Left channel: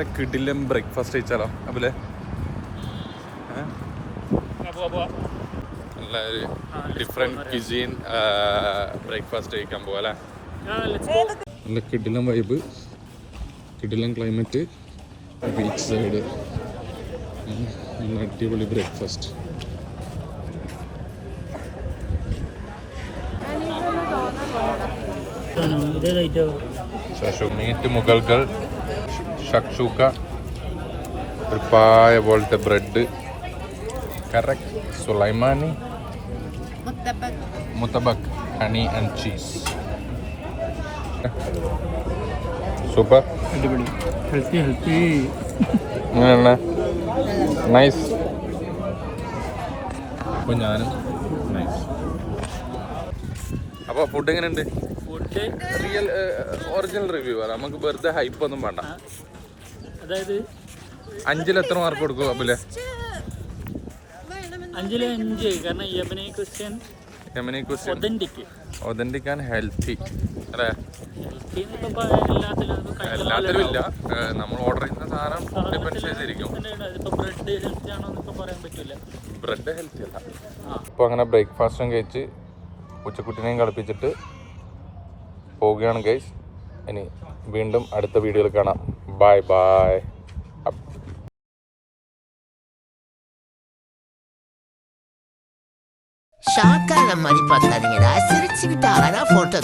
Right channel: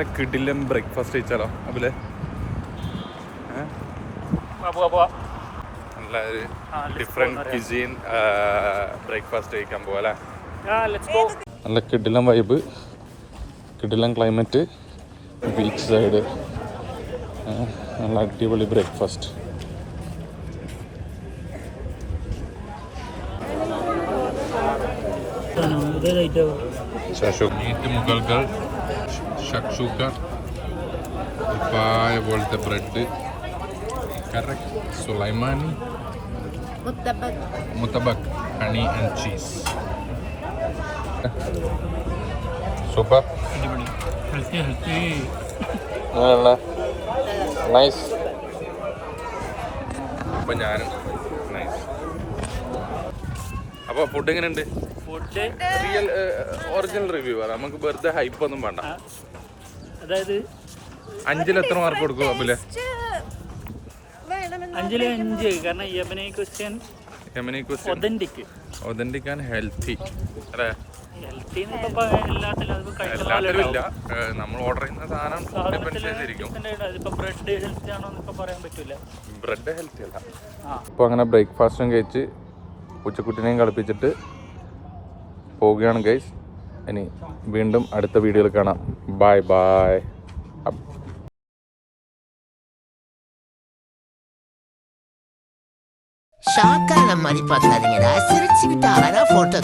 നല്ല കിടിലൻ ബ്രേക്ക്ഫാസ്റ്റ് കഴിച്ചാലോ അബിലെ? നല്ല ഒരു ഡിഫറെൻറ്റ് ക്യുസീൻ ബ്രേക്ക്ഫാസ്റ്റ് കഴിക്കാൻ പോവാ അല്ലേ? നല്ല കിടിലൻ വൈബ്, കിടിലൻ ക്ലൈമറ്റ്, ബീച്ച് സൈഡ്, നല്ല അടിപൊളി ബ്രേക്ക്ഫാസ്റ്റ്. മീറ്റ് മുഗൾകൾ, ഷക്ഷൂക്ക, ഒരു പായ പോലത്തെ bread, correct sulaimani, mutabbaq, honey and cheese. Super, അടിപൊളി, ഹെൽത്തി. നൈസ്. അപ്പോൾ ഞാനും നൈസ്. അപ്പോൾ ഫുഡ് എങ്ങനെയുണ്ട്? ഫുഡ് റിയൽ ഒറിജിനൽ റിവ്യൂ ആണ്, നമുക്ക് വെറുതെ ഹൈപ്പ് ഒന്നും വേണ്ട. അതായത് 5-ൽ എത്ര മാർക്ക് കൊടുക്കും അബിലെ? 5-ൽ 5. കാരണം Yemeni Christian authentic and healthy അല്ലേ? ഹെൽത്തി എല്ലാത്തിലും ഇല്ല, നമ്മൾ ഓർഡർ ചെയ്യുന്ന സാധനം ഡിപ്പെൻഡ് ചെയ്തിരിക്കും. ബ്രെഡ് ഹെൽത്തി ആണോ എന്നൊക്കെ പറയാൻ പറ്റില്ല. ബ്രെഡ് ഹെൽത്തി അല്ല. അപ്പോൾ അങ്ങനെ ബ്രേക്ക്ഫാസ്റ്റും കഴിച്ച് ഉച്ചക്കുട്ടിനെയും കളിപ്പിച്ചിട്ട് പോവുകയാണ് ഗൈസ്. ഇനി വീണ്ടും അടുത്ത വീഡിയോയിൽ കാണാം. Bye bye. ஷாக்கான மாதிரி பார்க்காதீங்கடா, சிரிச்சுக்கிட்டு அழகா போட்டோ